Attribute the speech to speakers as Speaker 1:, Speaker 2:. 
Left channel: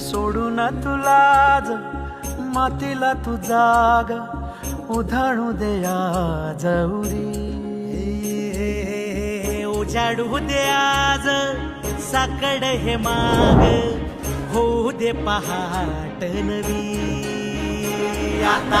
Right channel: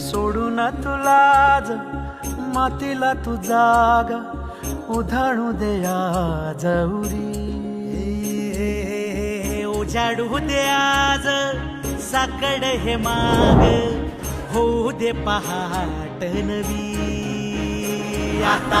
Speaker 1: सोडून तुलाज मातीला तू जाग उधाणू दया जवरी
Speaker 2: उजाडू दे आज साकड हे माग होऊ दे पहाट नवी. आता